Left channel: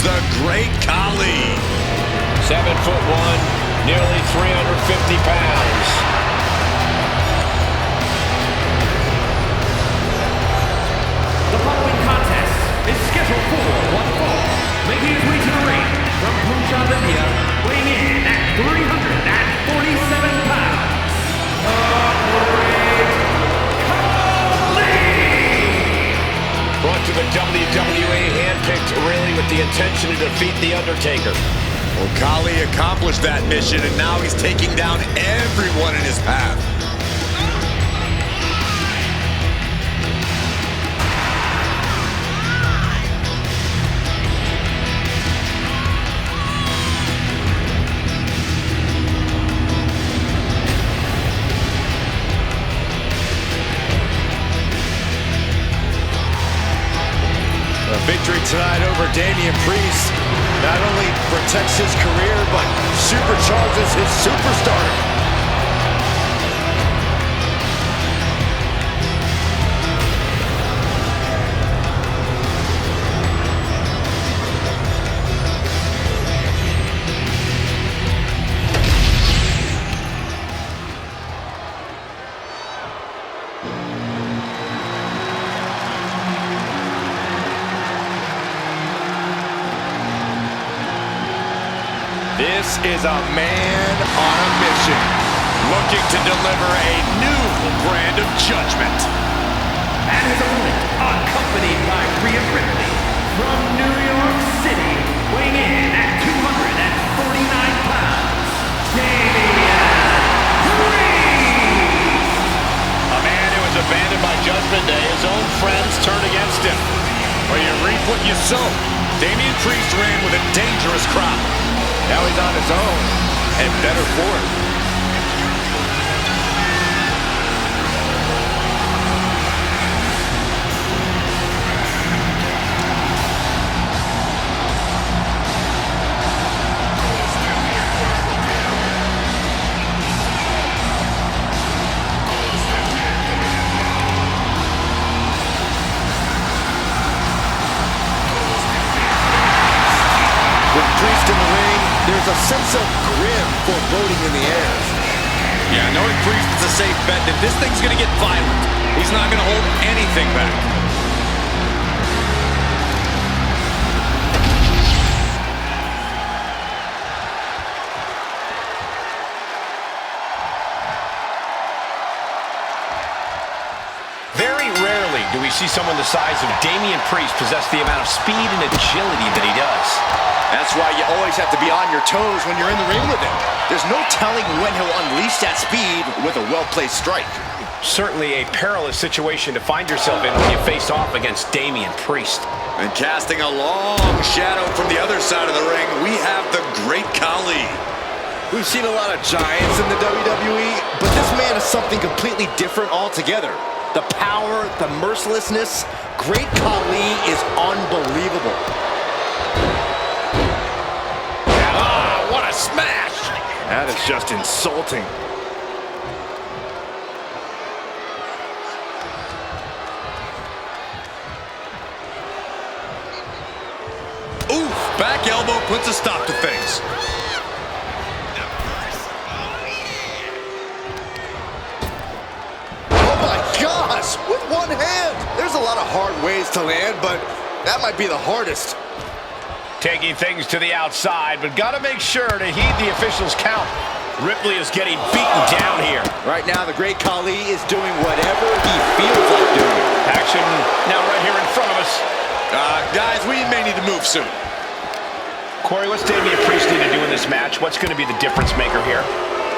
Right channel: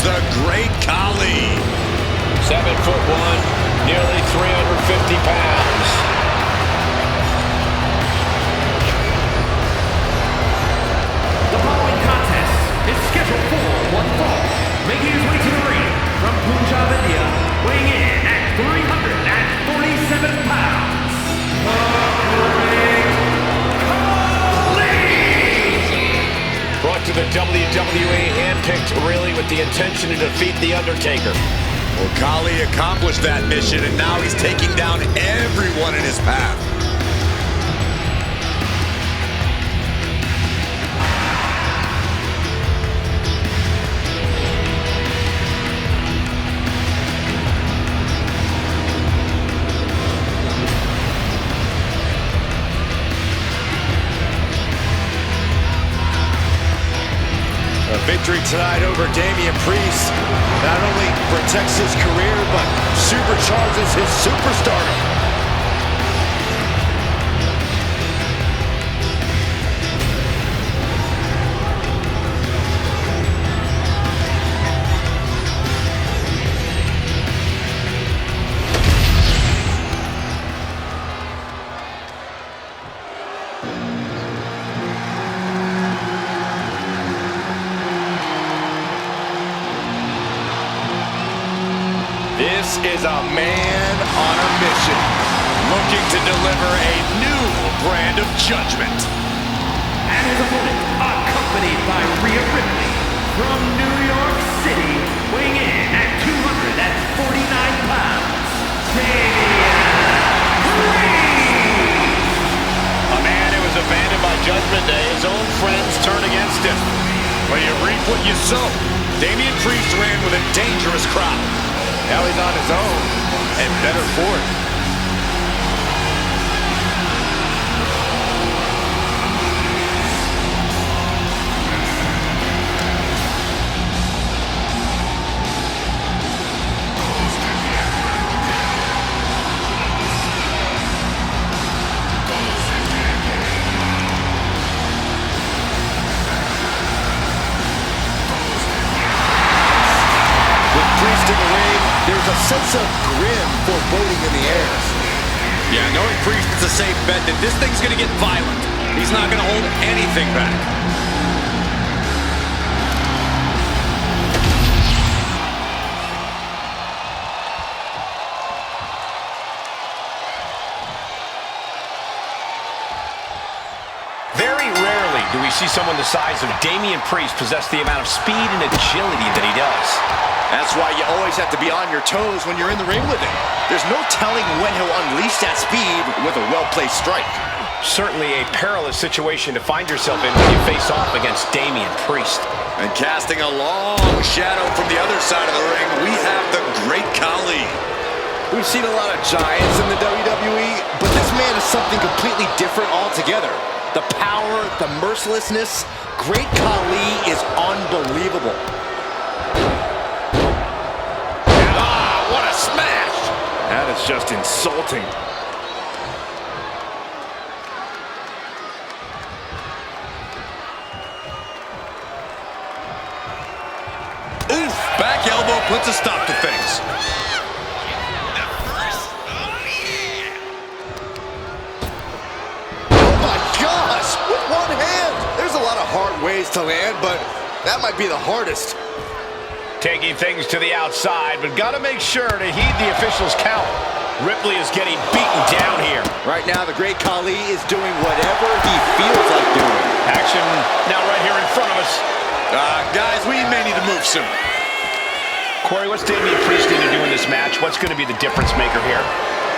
comes the great KHALI. 7'1", nearly 350 pounds. The following contest is scheduled for one fall. Making his way to the ring from Punjab, India, weighing in at 347 pounds, the Great KHALI! Brought to the WWE, handpicked really with the intention to defeat the Undertaker. Well, KHALI accomplished that mission, and now he's taking down everyone in his path. A victory tonight over Damian Priest not only protects his career, but supercharges his superstardom. This is a man on a mission, looking to deliver a new brand of judgment. And his opponent, accompanied by Rhea Ripley from New York City, weighing in at 249 pounds, Damian Priest! A man who was abandoned by Judgment Day, his own friends turned against him. Well, you reap what you sow. Damian Priest ran with a dangerous crowd. Now he's on his own, and better for it. With Priest in the ring, there's a sense of grim foreboding in the air. Yeah, knowing Priest, it's a safe bet that this thing's gonna get violent. He's not gonna hold anything back. Very rarely do we see someone the size of Damian Priest possess the amount of speed and agility that he does. That's why you always have to be on your toes when you're in the ring with him. There's no telling when he'll unleash that speed with a well-placed strike. Certainly a perilous situation to find yourself in when you face off against Damian Priest. And casting a long shadow from the other side of the ring, we have the great KHALI. We've seen a lot of giants in the WWE, but this man is something completely different altogether. The power, the mercilessness, great KHALI is unbelievable. What a smash! That is just insulting. Oof! Back elbow puts a stop to things. Oh my gosh! With one hand! There's a lot of hard ways to land, but that might be the hardest. Taking things to the outside, but gotta make sure to heed the officials' count. Ripley is getting beaten down here. Right now, the great KHALI is doing whatever he feels like doing. Action now right here in front of us. Guys, we may need to move soon. Corey, what's Damian Priest need to do in this match? What's going to be the difference maker here?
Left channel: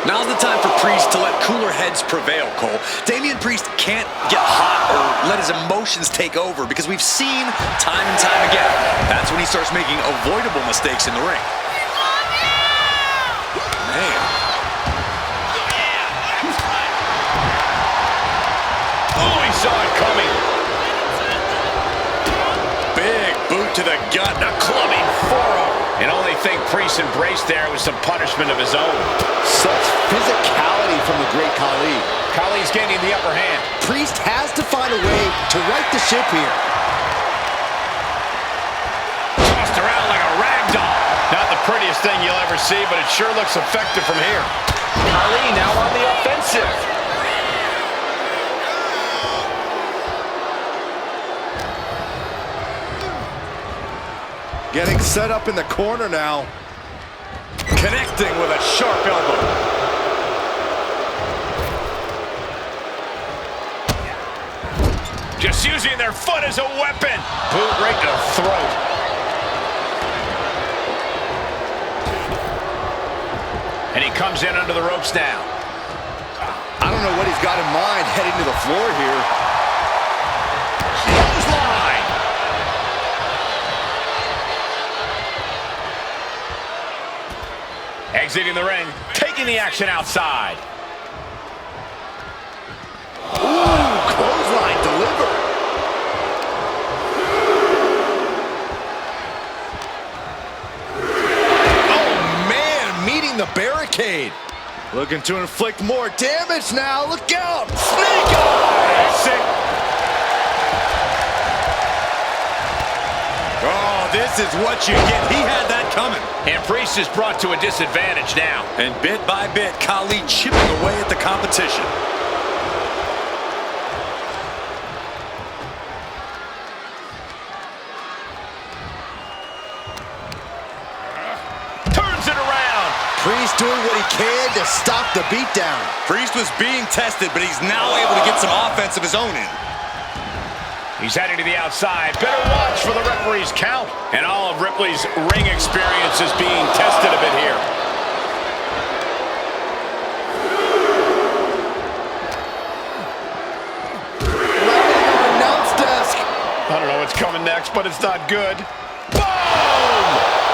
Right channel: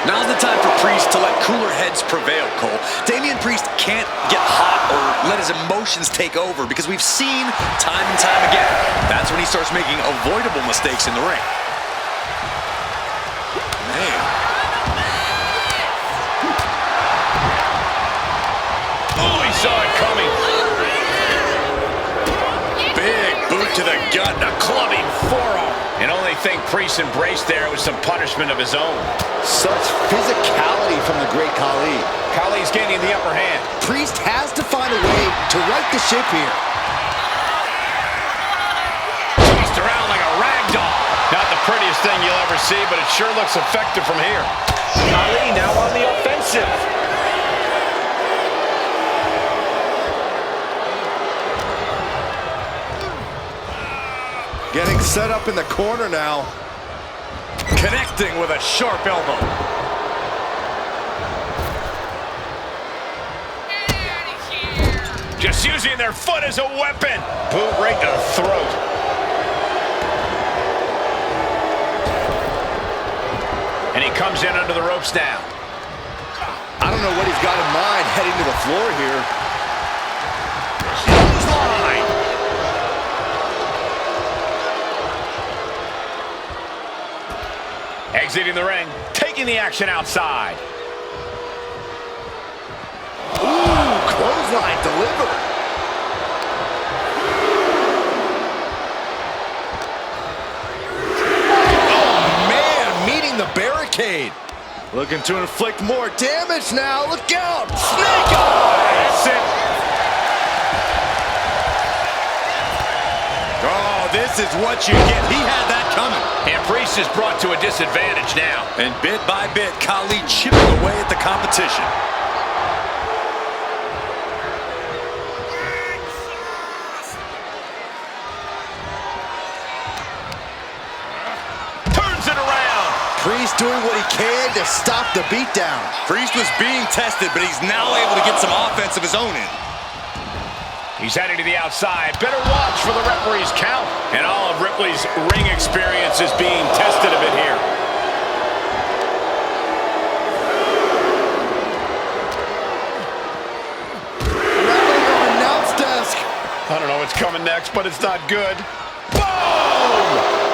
Now's the time for Priest to let cooler heads prevail, Cole. Damian Priest can't get hot or let his emotions take over because we've seen time and time again. That's when he starts making avoidable mistakes in the ring. Man. Oh, he saw it coming. Big boot to the gut and a clubbing forearm. And only thing Priest embraced there was some punishment of his own. Such physicality from the great KHALI. KHALI's gaining the upper hand. Priest has to find a way to right the ship here. Tossed around like a prettiest thing you'll ever see, but it sure looks effective from here. KHALI now on the offensive. Getting set up in the corner now. Connecting with a sharp elbow. Just using their foot as a weapon. Boot right to the throat. And he comes in under the ropes now. I don't know what he's got in mind heading to the floor here. Clothesline. Exiting the ring, taking the action outside. Ooh, clothesline delivered. Oh, man, meeting the barricade. Looking to inflict more damage now. Look out. Snake eyes. That's it. Oh, this is what you get. He had that coming. And Priest is brought to a disadvantage now. And bit by bit, KHALI chipping away at the competition. Turns it around. Priest doing what he can to stop the beatdown. Priest was being tested, but he's now able to get some offense of his own in. He's heading to the outside. Better watch for the referee's count. And all of Ripley's ring experience is being tested a bit here. Rattling on announce desk. I don't know what's coming next, but it's not good. Boom!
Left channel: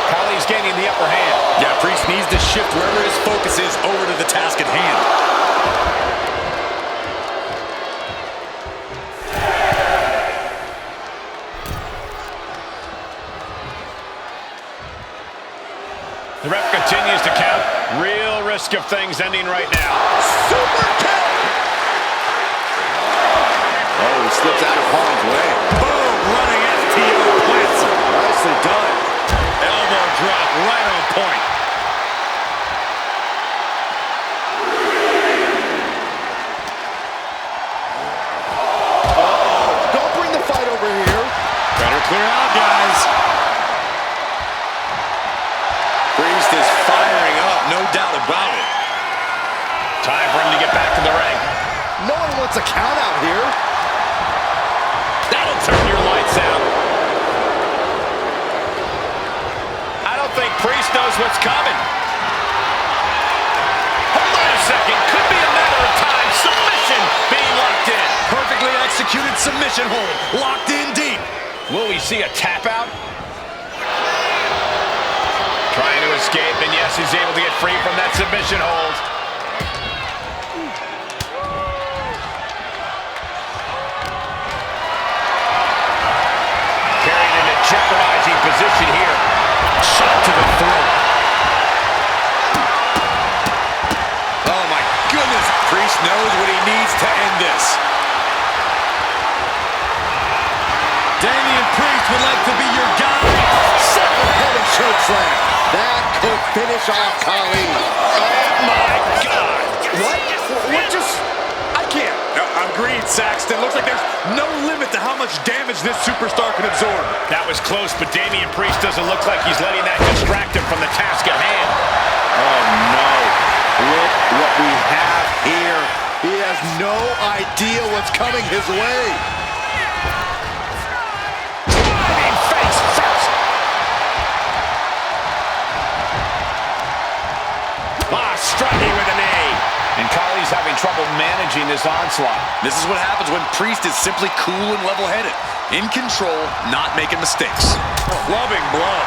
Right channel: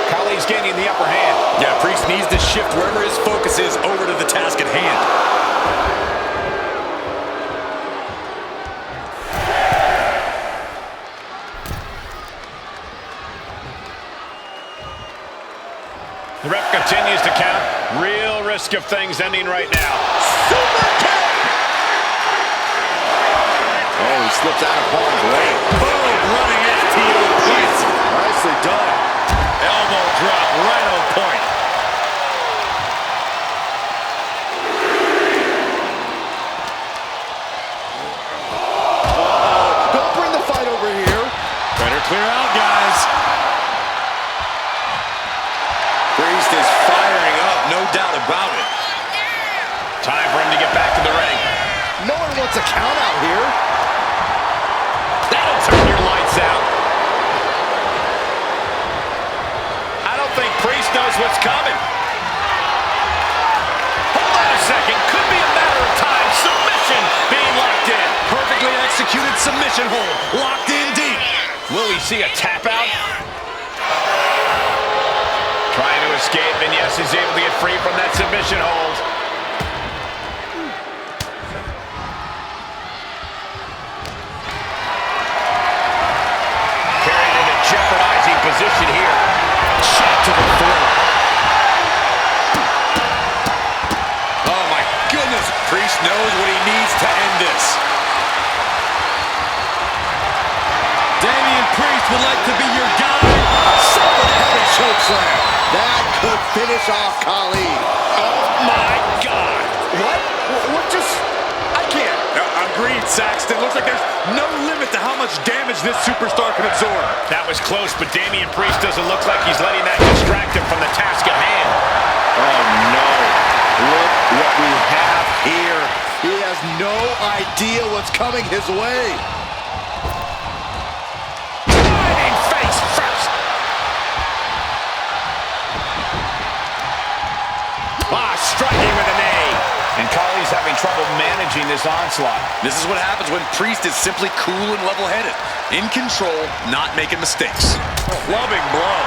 KHALI's gaining the upper hand. Yeah, Priest needs to shift wherever his focus is over to the task at hand. The ref continues to count. Real risk of things ending right now. Super kick! Oh, he slips out of harm's way. Boom! Running STO plants him. Nicely done. Elbow drop right on point. Uh-oh. Don't bring the fight over here. Better clear out, guys. Priest is firing up, no doubt about it. Time for him to get back to the ring. No one wants a count out here. That'll turn your lights out. I don't think Priest knows what's coming. Hold on a second. Could be a matter of time. Submission being locked in. Perfectly executed submission hold. Locked in deep. Will we see a tap out? Trying to escape, and yes, he's able to get free from that submission hold. Carried into jeopardizing position here. Shot to the throat. Oh my goodness. Priest knows what he needs to end this. Damian Priest would like to be your guide. Seven heaven chokeslam. That could finish off KHALI. Oh my God. What just... I can't. Agreed, Saxton. Looks like there's no limit to how much damage this superstar can absorb. That was close, but Damian Priest doesn't look like he's letting that distract him from the task at hand. Oh no. Look what we have here. He has no idea what's coming his way. Driving face first. Striking with a knee. And KHALI's having trouble managing this onslaught. This is what happens when Priest is simply cool and level-headed. In control, not making mistakes. Clubbing blow.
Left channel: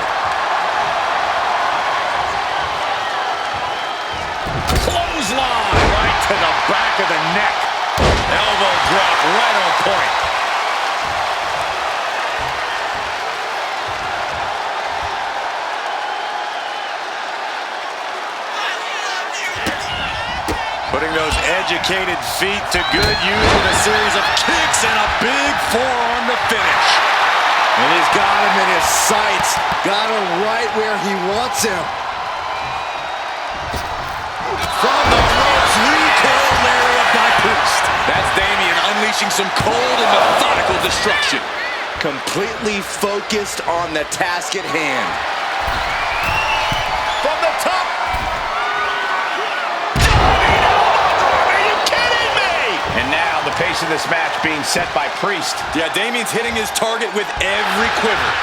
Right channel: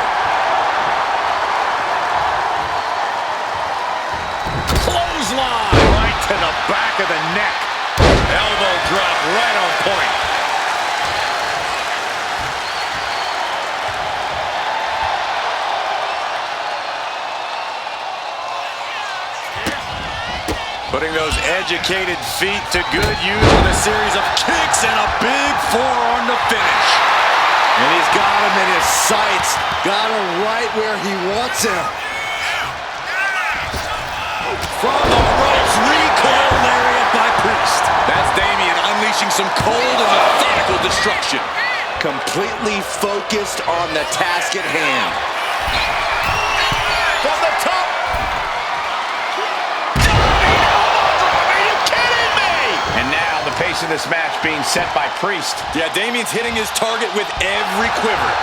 Clothesline. Right to the back of the neck. Elbow drop right on point. Putting those educated feet to good use with a series of kicks and a big forearm to finish. And he's got him in his sights. Got him right where he wants him. From the ropes, recoil lariat by Priest. That's Damian unleashing some cold and methodical destruction. Completely focused on the task at hand. From the top. Diving elbow drop. Are you kidding me? And now the pace of this match being set by Priest. Yeah, Damian's hitting his target with every quiver.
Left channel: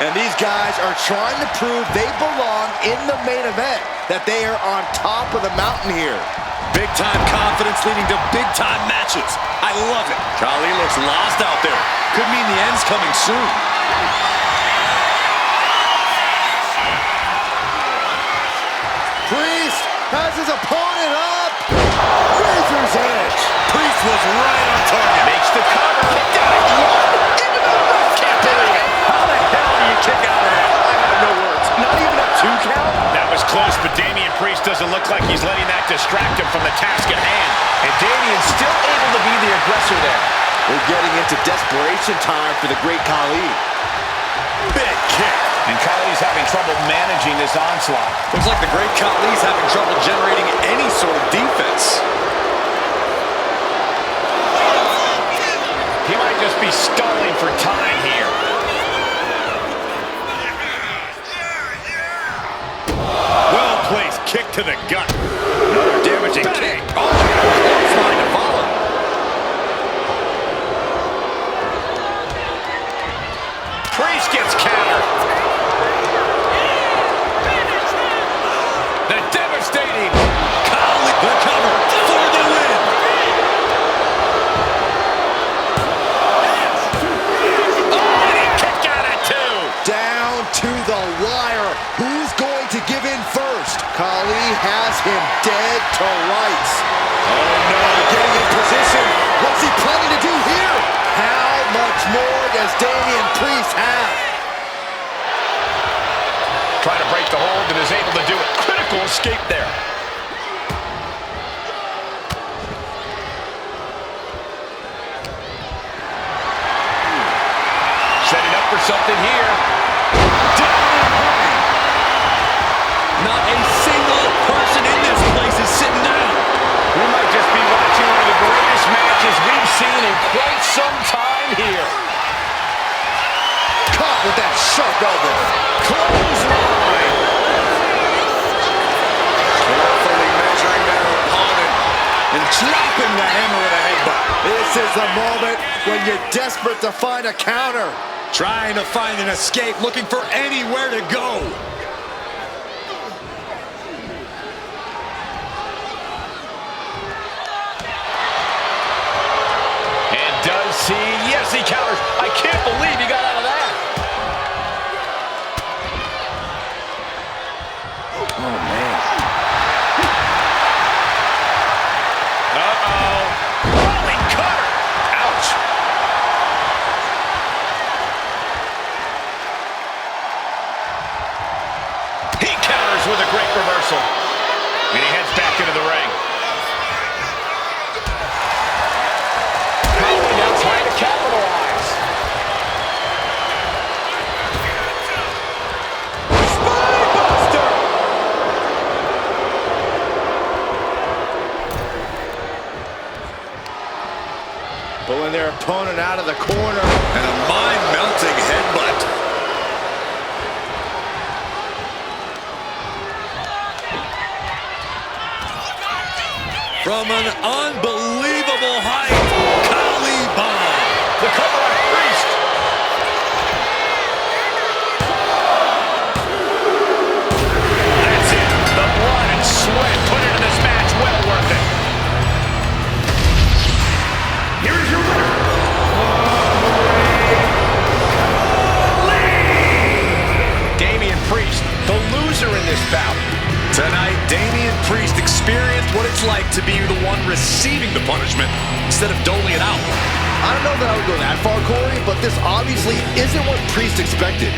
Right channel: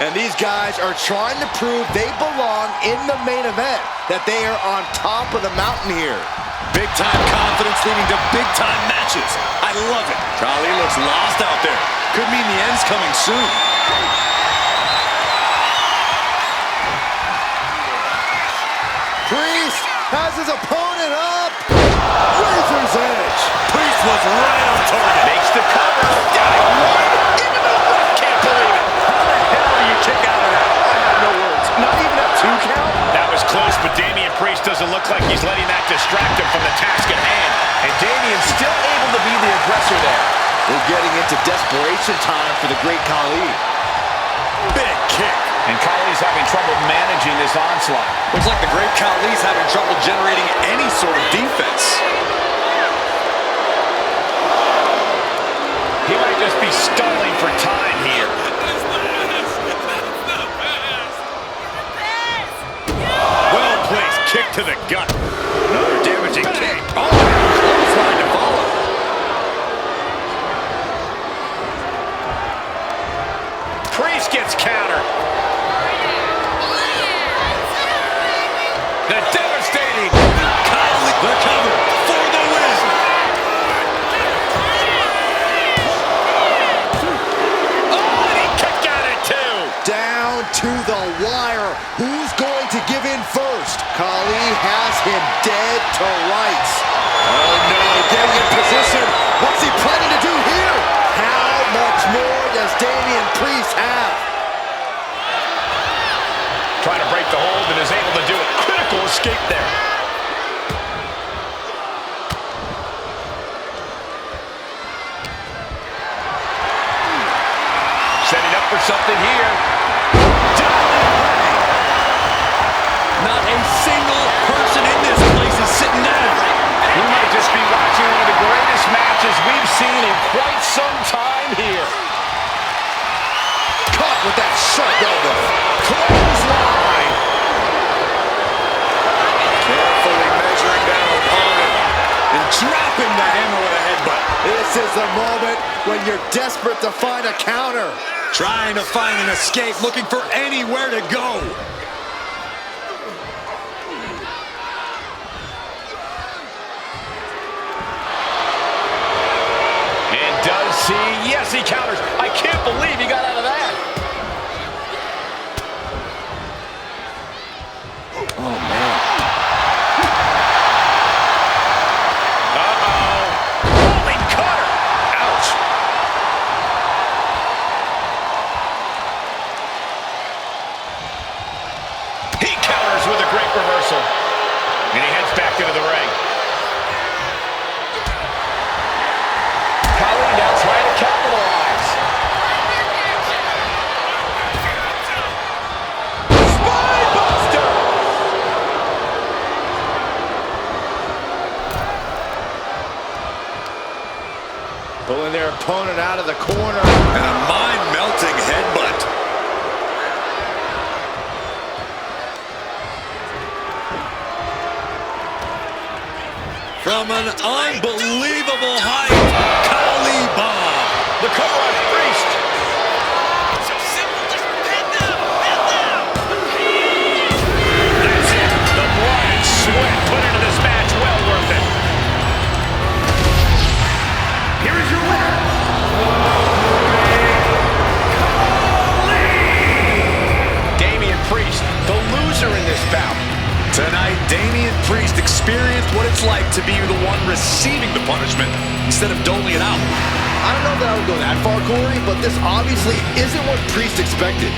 And these guys are trying to prove they belong in the main event, that they are on top of the mountain here. Big-time confidence leading to big-time matches. I love it. KHALI looks lost out there. Could mean the end's coming soon. Priest has his opponent up. Razor's edge. Priest was right on target. Makes the cover. Got it. One. Even the ref can't believe it. How the hell do you kick out of that? I have no words. Not even a 2 count? That was close, but Damian Priest doesn't look like he's letting that distract him from the task at hand. And Damian's still able to be the aggressor there. We're getting into desperation time for the great KHALI. Big kick. And KHALI's having trouble managing this onslaught. Looks like the great KHALI's having trouble generating any sort of defense. He might just be stalling for time here. Well-placed kick to the gut. Another damaging kick. Oh, clothesline to follow. Priest gets countered. The devastating KHALI. The cover for the win. Oh, and he kicked out at 2. Down to the wire. Who's going to give in first? KHALI has him dead to rights. Oh no, getting in position. What's he planning to do here? How much more does Damian Priest have? Trying to break the hold and is able to do it. Critical escape there. Setting up for something here. Not a single person in this place is sitting down. We might just be watching one of the greatest matches we've seen in quite some time here. Caught with that sharp elbow. Clothesline. Carefully measuring down opponent and dropping the hammer with a headbutt. This is the moment when you're desperate to find a counter. Trying to find an escape, looking for anywhere to go. And does he? Yes, he counters. I can't believe he got out of that. Oh, man. Uh-oh. Rolling cutter. Ouch. He counters with a great reversal. And he heads back into the ring. KHALI now trying to capitalize. Spinebuster! Pulling their opponent out of the corner. And a mind-melting headbutt. From an unbelievable height, KHALI bomb. The cover on Priest. That's it. The blood and sweat put into this match. Well worth it. Here is your winner, the Great KHALI! Damian Priest, the loser in this bout. Tonight, Damian Priest experienced what it's like to be the one receiving the punishment instead of doling it out. I don't know that I would go that far, Corey, but this obviously isn't what Priest expected.